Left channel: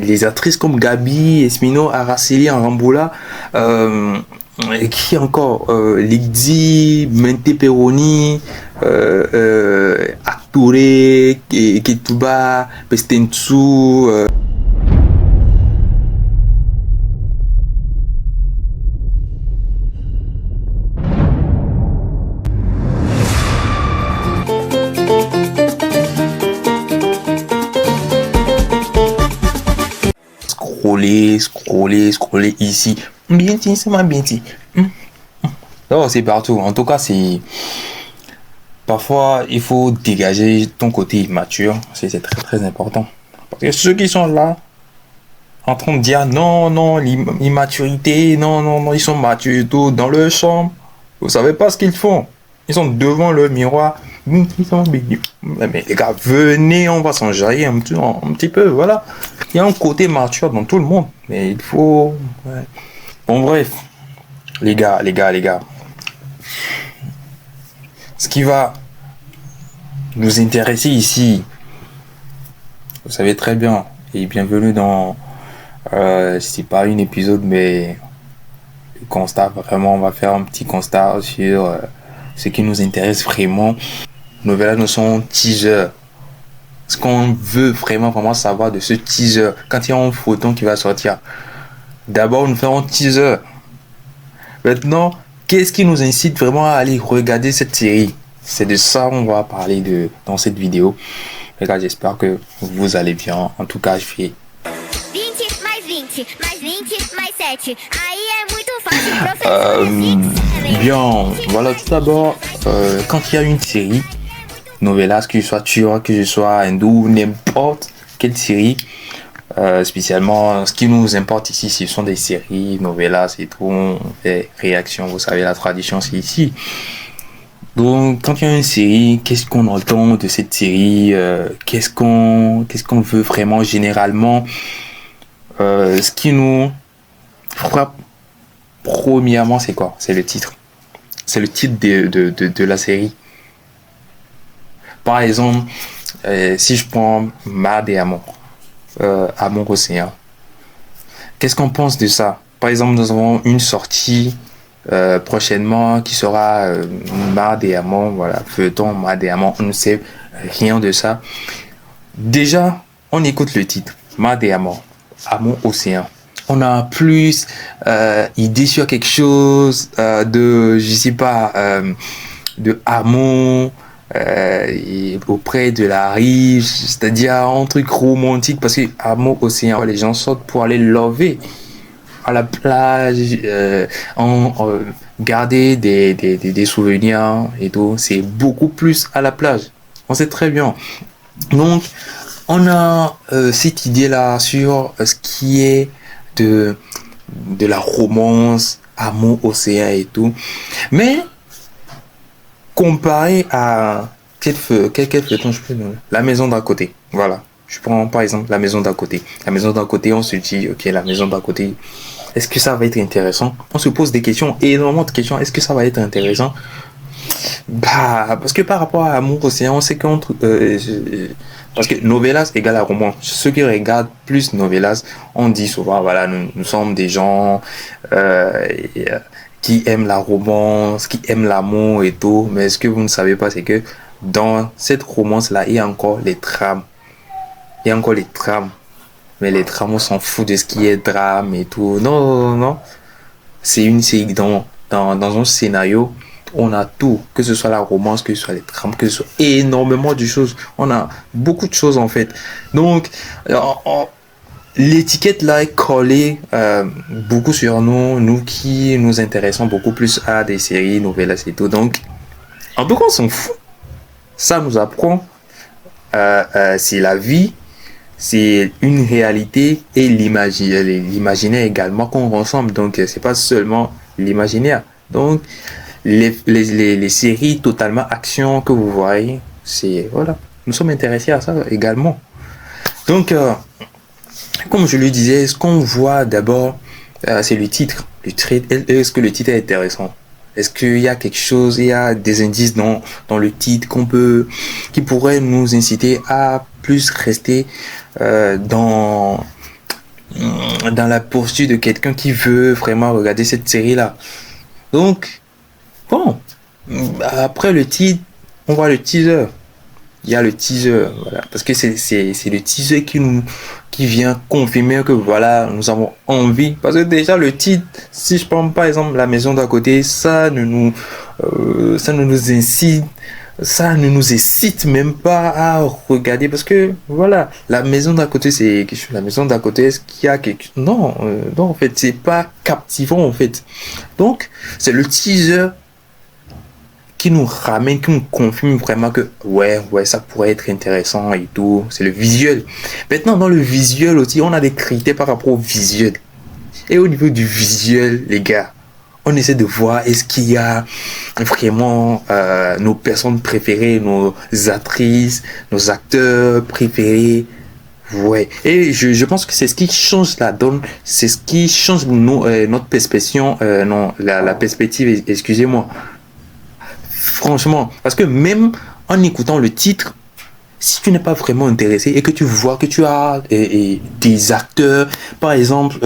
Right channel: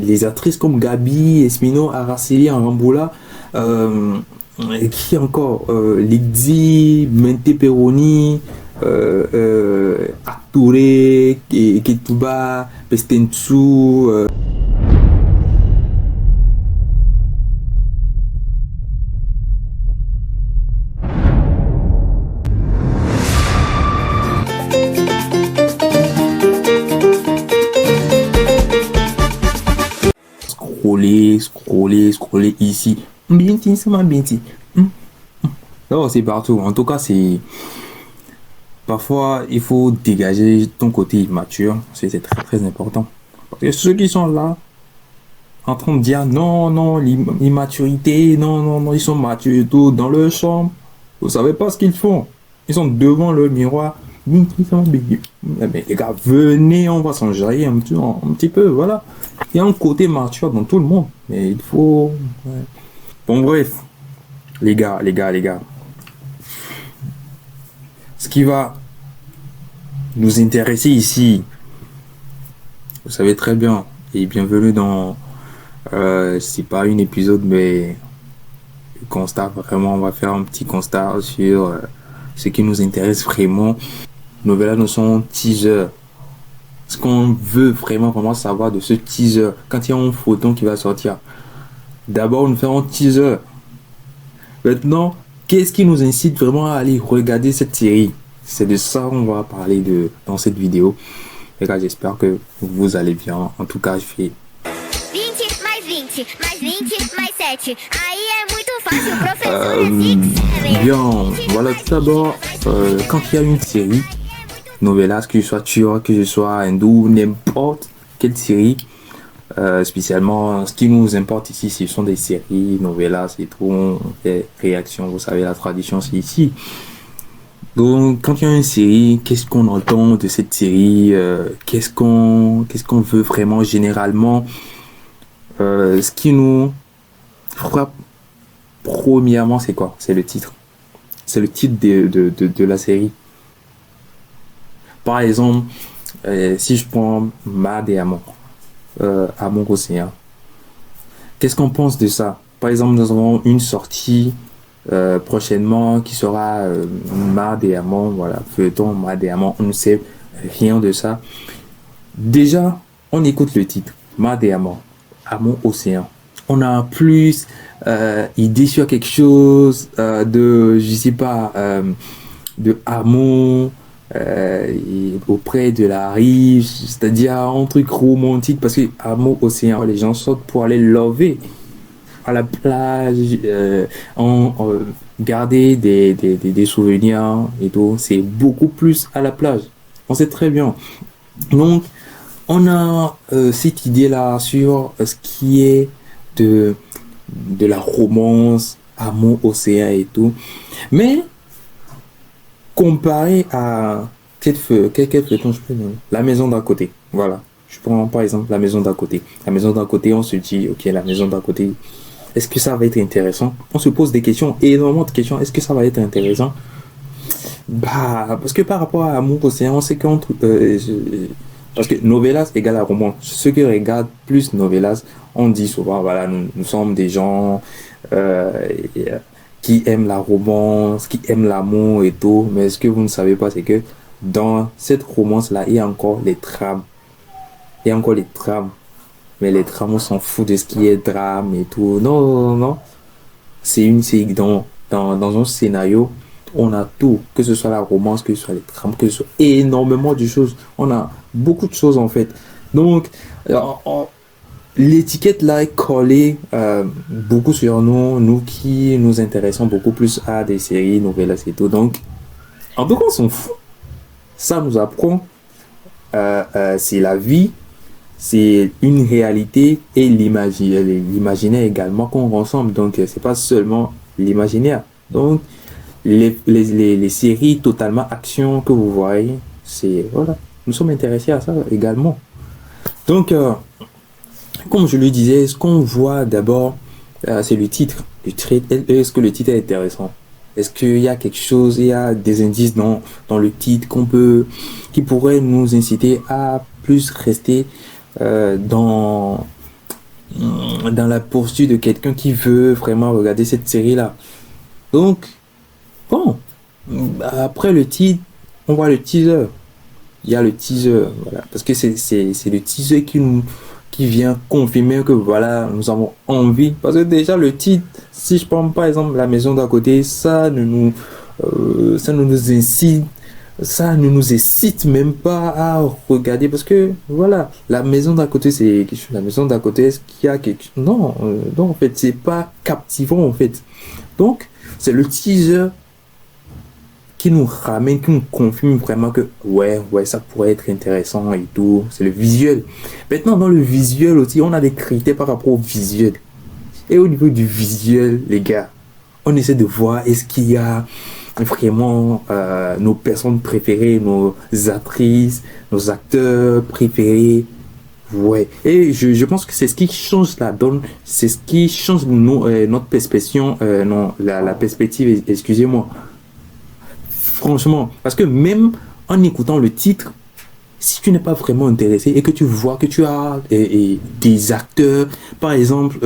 Les actrices comme Gabi, Esmino, Araceli, Aramboula, qui encore Ligdi, Mente Peroni, Actore, Ketuba, Pestensu. Scroller ici. Bien dit, c'est ma bien dit. Non, c'est partout. En tout cas, c'est. Parfois, il faut dégager ton côté immature. C'est très très important. Parce que ceux qui sont là, en train de dire non, non, l'immaturité, non, non, non, ils sont matures et tout, dans leur chambre. Vous savez pas ce qu'ils font. Ils sont devant le miroir. Mais les gars, venez, on va s'enjailler un petit peu, voilà. Il y a un côté mature dans tout le monde, mais il faut... Ouais. Bon, bref, les gars. Ce qui va nous intéresser ici, vous savez très bien, et bienvenue dans... c'est pas un épisode, mais... Le constat, vraiment, on va faire un petit constat sur ce qui nous intéresse vraiment. Nos nouvelles nous sont teasers. Ce qu'on veut vraiment savoir de ce teaser, quand il y a un photon qui va sortir, d'abord nous faisons un teaser. Maintenant, qu'est-ce qui nous incite vraiment à aller regarder cette série? C'est de ça qu'on va parler dans cette vidéo. Les gars, j'espère que vous allez bien. En tout cas, je fais 20 mais 20 mais 20 mais 7. Aí é muito fácil, professor é bien, voilà, tout d'abord, quand il y a une série, novelas, que ce soit turc, que ce soit hindou, n'importe quelle série, spécialement, ce qui nous importe ici, ce sont des séries, novelas et tout, on fait réaction, vous savez, la tradition, c'est ici. Donc, quand il y a une série, qu'est-ce qu'on entend de cette série, qu'est-ce qu'on veut vraiment généralement, ce qui nous frappe premièrement, c'est quoi? C'est le titre. C'est le titre de la série. Par exemple, si je prends Mar et Amour, Amour Océan, qu'est-ce qu'on pense de ça? Par exemple, nous avons une sortie prochainement qui sera Mar et Amour, voilà, feuilleton Mar et Amour, on ne sait rien de ça. Déjà, on écoute le titre, Mar et Amour, Amour Océan. On a plus idée sur quelque chose de, je sais pas, de amour auprès de la rive, c'est-à-dire un truc romantique, parce que amour océan, les gens sortent pour aller lover à la plage, garder des souvenirs et tout. C'est beaucoup plus à la plage. On sait très bien. Donc, on a cette idée-là sur ce qui est de la romance, amour, océan et tout. Mais, comparé à quel feuilleton je peux donner? La maison d'à côté. Voilà. Je prends par exemple la maison d'à côté. La maison d'à côté, on se dit, ok, la maison d'à côté, est-ce que ça va être intéressant? On se pose des questions, énormément de questions. Est-ce que ça va être intéressant? Bah, parce que par rapport à amour, océan, on sait qu'entre... parce que novelas égale à roman. Ceux qui regardent plus novelas, on dit souvent, voilà, nous sommes des gens qui aiment la romance, qui aiment l'amour et tout. Mais ce que vous ne savez pas, c'est que dans cette romance-là, il y a encore les trames. Il y a encore les trames. Mais les trames, on s'en fout de ce qui est drame et tout. Non. C'est dans un scénario, on a tout, que ce soit la romance, que ce soit les trames, que ce soit énormément de choses. On a beaucoup de choses en fait. Donc, l'étiquette là est collée beaucoup sur nous qui nous intéressons beaucoup plus à des séries, novelas et tout. Donc, en tout cas, on s'en fout. Ça nous apprend. C'est la vie, c'est une réalité et l'imaginaire également qu'on ressemble. Donc, c'est pas seulement l'imaginaire. Donc, les séries totalement action que vous voyez, c'est voilà, nous sommes intéressés à ça également. Donc, comme je le disais, ce qu'on voit d'abord, c'est le titre. Est-ce que le titre est intéressant? Est-ce qu'il y a quelque chose, il y a des indices dans le titre qui pourrait nous inciter à plus rester dans dans la poursuite de quelqu'un qui veut vraiment regarder cette série-là. Donc, bon, après le titre, on voit le teaser. Il y a le teaser, voilà, parce que c'est le teaser qui vient confirmer que voilà, nous avons envie. Parce que déjà le titre, si je prends par exemple La Maison d'à côté, ça ne nous incite, ça ne nous incite même pas à regarder parce que voilà, La Maison d'à côté, c'est quelque chose. La Maison d'à côté, est-ce qu'il y a quelque chose? Non, non, en fait, c'est pas captivant en fait. Donc, c'est le teaser qui nous ramène, qui nous confirme vraiment que ouais, ça pourrait être intéressant et tout. C'est le visuel. Maintenant, dans le visuel aussi, on a des critères par rapport au visuel. Et au niveau du visuel, les gars, on essaie de voir est-ce qu'il y a vraiment nos personnes préférées, nos actrices, nos acteurs préférés. Ouais. Et je pense que c'est ce qui change la donne, c'est ce qui change notre perspective, non, la perspective, excusez-moi. Franchement, parce que même en écoutant le titre, si tu n'es pas vraiment intéressé et que tu vois que tu as des acteurs, par exemple,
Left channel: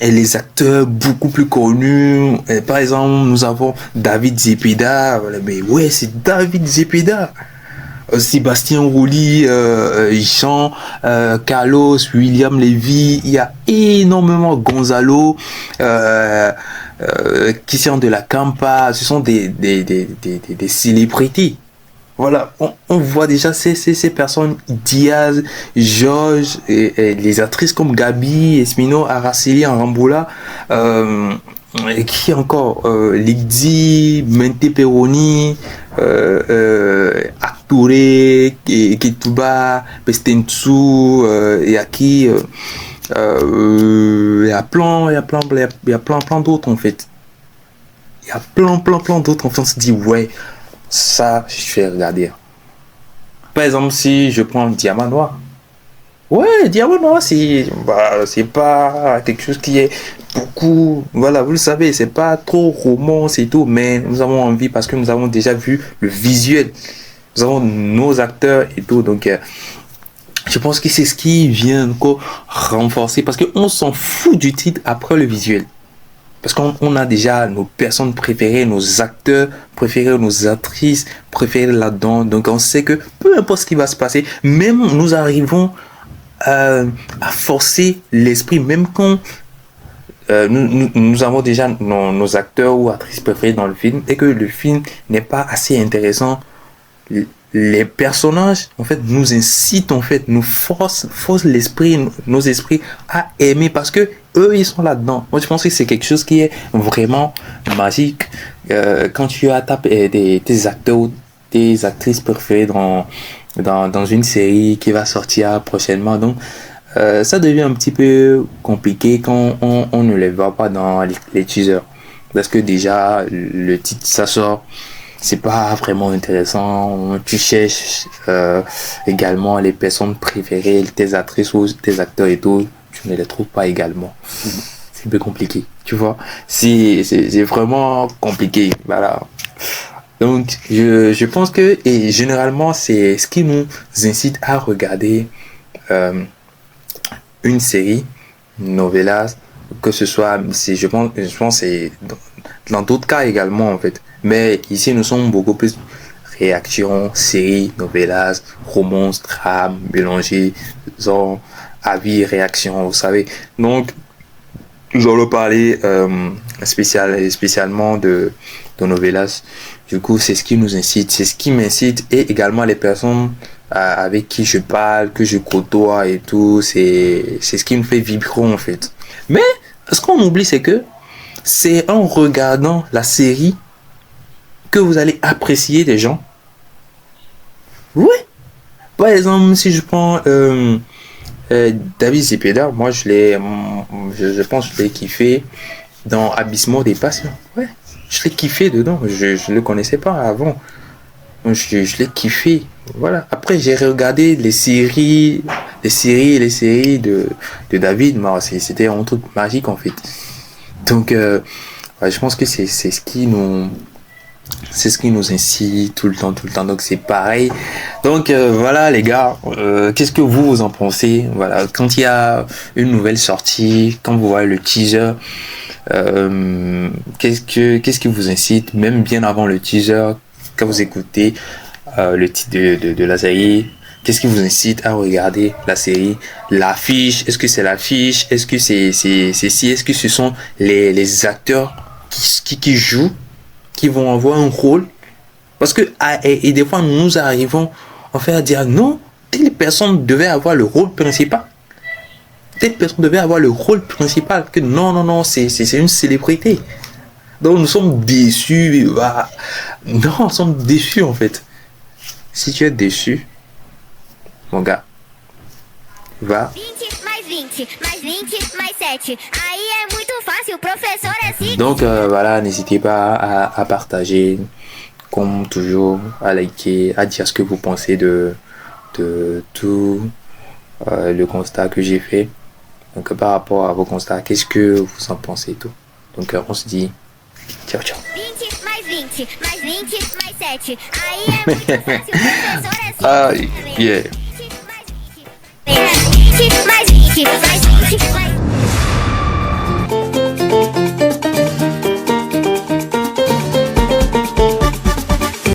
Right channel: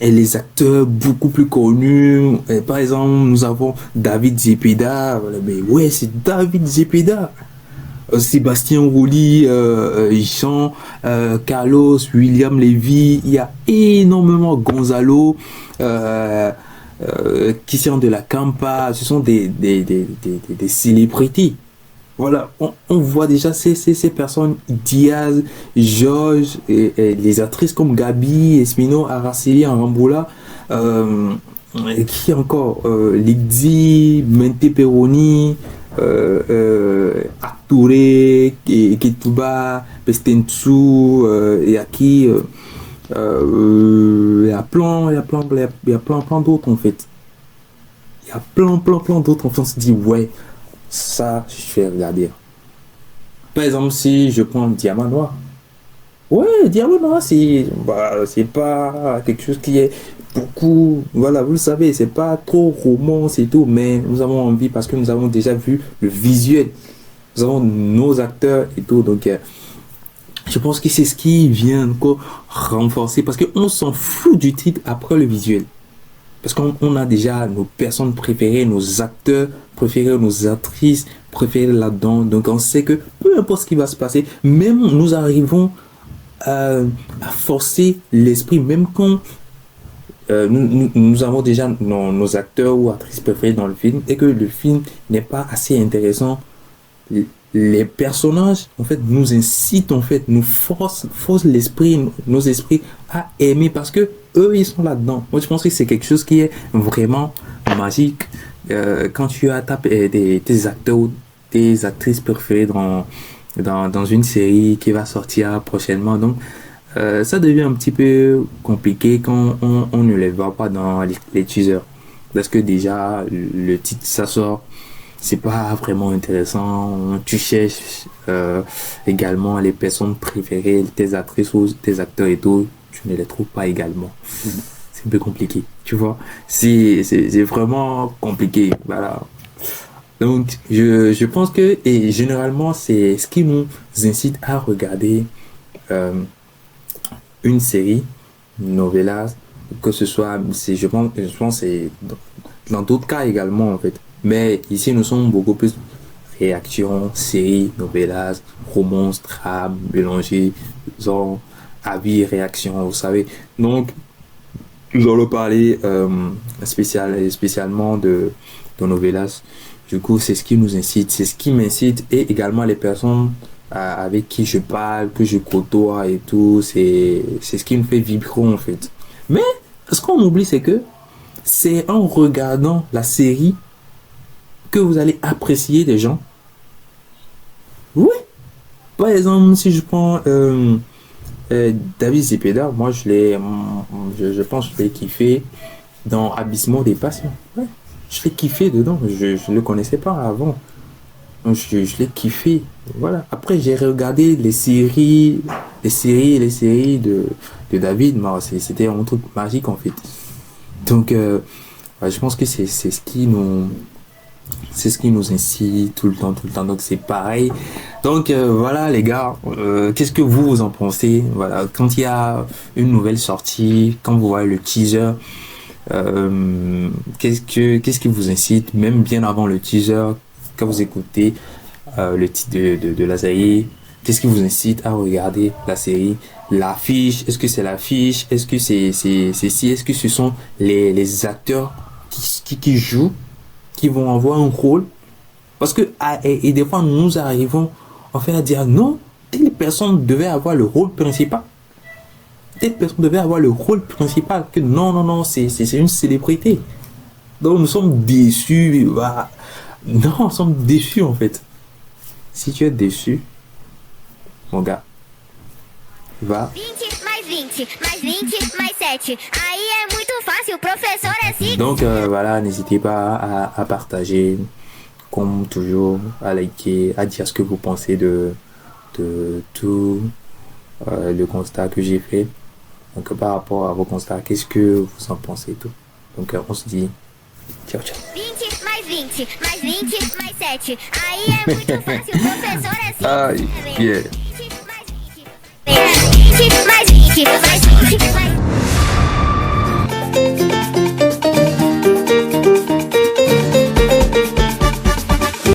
et les acteurs beaucoup plus connus, par exemple, nous avons David Zepeda, voilà, mais ouais, c'est David Zepeda. Sébastien Rouly, Jean, Carlos, William Levy, il y a énormément Gonzalo, Christian de la Campa, ce sont des célébrités. Voilà, on voit déjà ces personnes, Diaz, Georges, et les actrices comme Gabi, Esmino, Araceli, Aramboula, qui encore Ligdi, Mente Peroni, Aktouré, Ketuba, Pestensu, et Aki, il y a plein d'autres en fait. Il y a plein d'autres en fait. On se dit ouais, ça je vais regarder. Par exemple, si je prends Diamant Noir. Ouais, Diamant Noir, c'est pas quelque chose qui est beaucoup, voilà, vous le savez, c'est pas trop romance et tout, mais nous avons envie parce que nous avons déjà vu le visuel, nous avons nos acteurs et tout, donc je pense que c'est ce qui vient encore renforcer, parce qu'on s'en fout du titre après le visuel, parce qu'on a déjà nos personnes préférées, nos acteurs préférés, nos actrices préférées là-dedans, donc on sait que peu importe ce qui va se passer, même nous arrivons à forcer l'esprit, même quand nous avons déjà nos acteurs ou actrices préférés dans le film et que le film n'est pas assez intéressant, les personnages en fait nous incitent, en fait nous forcent l'esprit, nos esprits à aimer parce que eux ils sont là-dedans. Moi je pense que c'est quelque chose qui est vraiment magique quand tu as tes acteurs ou tes actrices préférées dans une série qui va sortir prochainement. Donc ça devient un petit peu compliqué quand on ne les voit pas dans les teasers. Parce que déjà, le titre, ça sort, c'est pas vraiment intéressant. Tu cherches également les personnes préférées, tes actrices ou tes acteurs et tout, tu ne les trouves pas également. C'est un peu compliqué, tu vois. C'est vraiment compliqué, voilà. Donc, je pense que, et généralement, c'est ce qui nous incite à regarder une série, novelas, que ce soit, je pense c'est dans d'autres cas également, en fait. Mais ici, nous sommes beaucoup plus réaction, série, novelas, romance, drame, mélangé, genre, avis, réaction, vous savez. Donc, nous allons parler spécialement de novelas. Du coup, c'est ce qui nous incite, c'est ce qui m'incite et également les personnes avec qui je parle, que je côtoie et tout, c'est ce qui me fait vibrer en fait. Mais ce qu'on oublie, c'est que c'est en regardant la série que vous allez apprécier des gens. Ouais. Par exemple, si je prends David Zepeda, moi je pense que je l'ai kiffé dans Abyssement des Passions. Ouais. Je l'ai kiffé dedans, je le connaissais pas avant. Je l'ai kiffé. Voilà. Après, j'ai regardé les séries de David. C'était un truc magique en fait. Donc, je pense que c'est ce qui nous C'est ce qui nous incite tout le temps, tout le temps. Donc c'est pareil. Donc voilà les gars, qu'est-ce que vous en pensez? Voilà, quand il y a une nouvelle sortie, quand vous voyez le teaser, qu'est-ce qui vous incite, même bien avant le teaser, quand vous écoutez le titre de la série, qu'est-ce qui vous incite à regarder la série? L'affiche, est-ce que c'est l'affiche? Est-ce que c'est si? Est-ce que ce sont les acteurs qui jouent, qui vont avoir un rôle? Parce que et des fois nous arrivons en fait à dire non, telle personne devait avoir le rôle principal. Telle personne devait avoir le rôle principal. Que non, non, non, c'est une célébrité. Donc nous sommes déçus. Ah, non, nous sommes déçus en fait. Si tu es déçu, mon gars, va. 20 mais 20 mais 20 mais 7. Aí é muito fácil, o professor é assim. Donc voilà, n'hésitez pas à partager, comme toujours, à liker, à dire ce que vous pensez de tout le constat que j'ai fait. Donc par rapport à vos constats, qu'est-ce que vous en pensez tout? Donc on se dit ciao ciao. 20 mais 20 mais 20 mais 7. Aí é muito fácil, o professor é assim. Yeah. 20 mais 20 mais 20 mais 20 mais 20 mais